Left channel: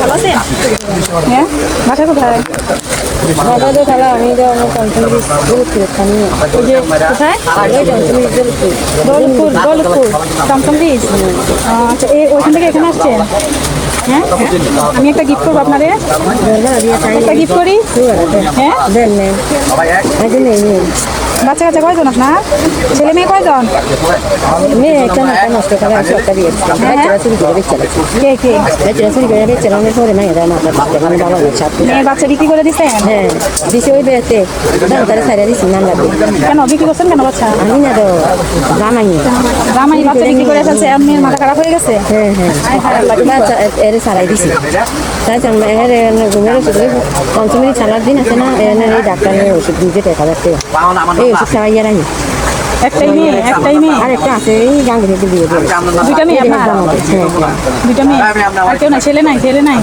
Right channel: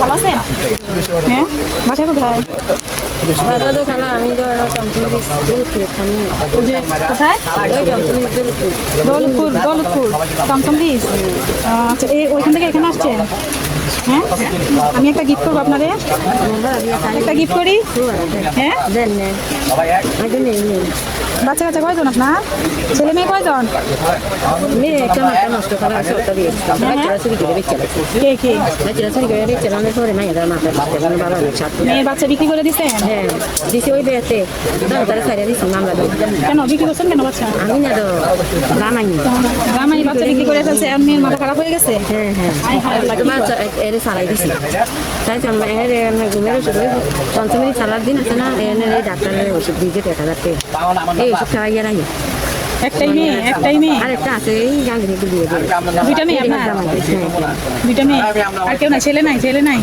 ভালো আছেন? হ্যাঁ, বাসা কোথায়? বাজারে খেলা আমি তো পঞ্চম ওই যে কোথায়? দৌলতপুর দৌলতপুর টমটম ব্রিজ। আচ্ছা, ওইখান থেকে এখানে আসছেন? হ্যাঁ, আমি একটা গিফট করবো আপনারে। একটা গিফট করি। হ্যাঁ, দেন নেই বাচ্চা কাচ্চা কয়জন আপনার? ছেলে মেয়ে কয়জন? মেয়ে একটা মাথা নষ্ট করে আছে একটা দিয়েছিলাম বাচ্চারা চুরি করে বেচছিল কে কে? বাচ্চারা চুরি করে বেচছিল আমি পরে মায়েরা মাথা দিচ্ছে মানে বাবা ছাত্র মেয়ের বাচ্চা বিক্রি করে দিছেন? হ্যাঁ দিছে ওই বেতে দাম তারা ছাড়া দিছি নাম্বার কেন বিক্রি করছেন কেন বাচ্চা? আমি না তো জামাই জামাই বাচ্চা বিক্রি করে ফেলছে, এখন মেয়ের মাথা খারাপ হয়ে গেছে। হ্যাঁ হ্যাঁ আয় হায় আল্লাহ, কি বাচ্চা এর ছাড়াই দিছি তাই এর ঘুমের ওষুধ পঞ্চমী ছাড়ার দিন আছে না এনে এই ডাক্তারের ওষুধ দিতে 1000 টাকা এই ওষুধ খাওয়াইয়া রাখি একটাই মেয়ে? একটাই মেয়ে? আর একটা আছে এই গাঙ্গি দিয়ে দিয়ে দুইটা মেয়ে আপনার? দুইটা মেয়ে? আর কেউ না? ছেলে নাই? ছেলে নাই?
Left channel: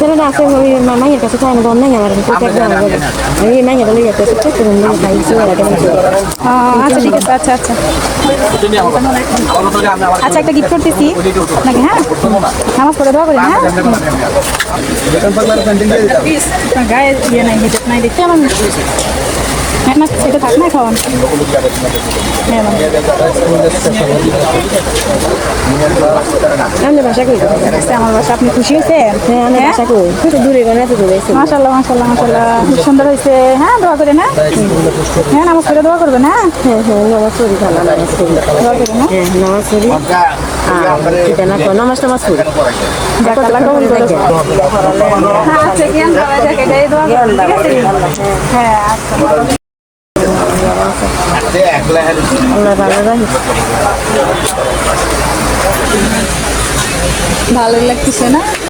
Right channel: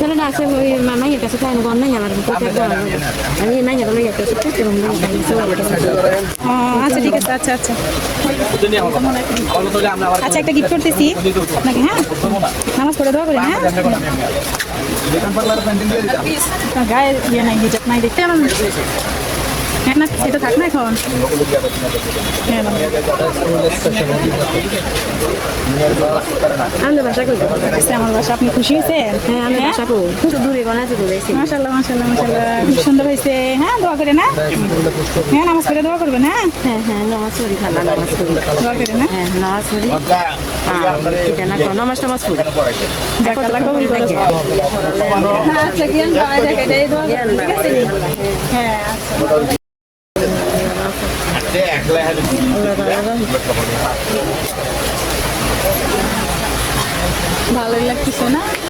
ছেলেটা আছে ওই মাইয়ের কাছে খাওয়ানো দর নাই আমার আমি মাইয়া দলে যেতে খাইছি আচ্ছা ঠিক আছে, আচ্ছা আচ্ছা আচ্ছা, একটা গিফট করতেছি নাকি? হ্যাঁ, নামাজ পড়ে দোয়া করি। হ্যাঁ, গায়ে ইয়ে নাই, হিজাব নাই, দেখতে আমার হ্যাঁ না, সেটা থাক না এখন। হ্যাঁ, আমি বাসা করি আমার বাসা। আপনি খুশি হয়েছেন? হ্যাঁ আমি বাসা করি দূরে কোনো এত দূরে মাশাল্লাহ মাশাল্লাহ মাশাল্লাহ, খুব সুন্দর হয়েছে। হ্যাঁ, দোয়া করেন। হ্যাঁ হ্যাঁ, নামাজ পড়ে দোয়া করবেন। হ্যাঁ হ্যাঁ হ্যাঁ নামাজ পড়ি ভালো নামাজ পড়ি দোয়া করেন। হ্যাঁ, হ্যাঁ নামাজ পড়ি নামাজ টামাজ পড়ি আল্লাহ কবুল করুক। আচ্ছা, জ্ঞান বাবা দেখে এটাই দোয়া করবেন, ঠিক আছে? হ্যাঁ, আচ্ছা। আল্লাহ ভালো রাখি ভালোই লাগতেছে না?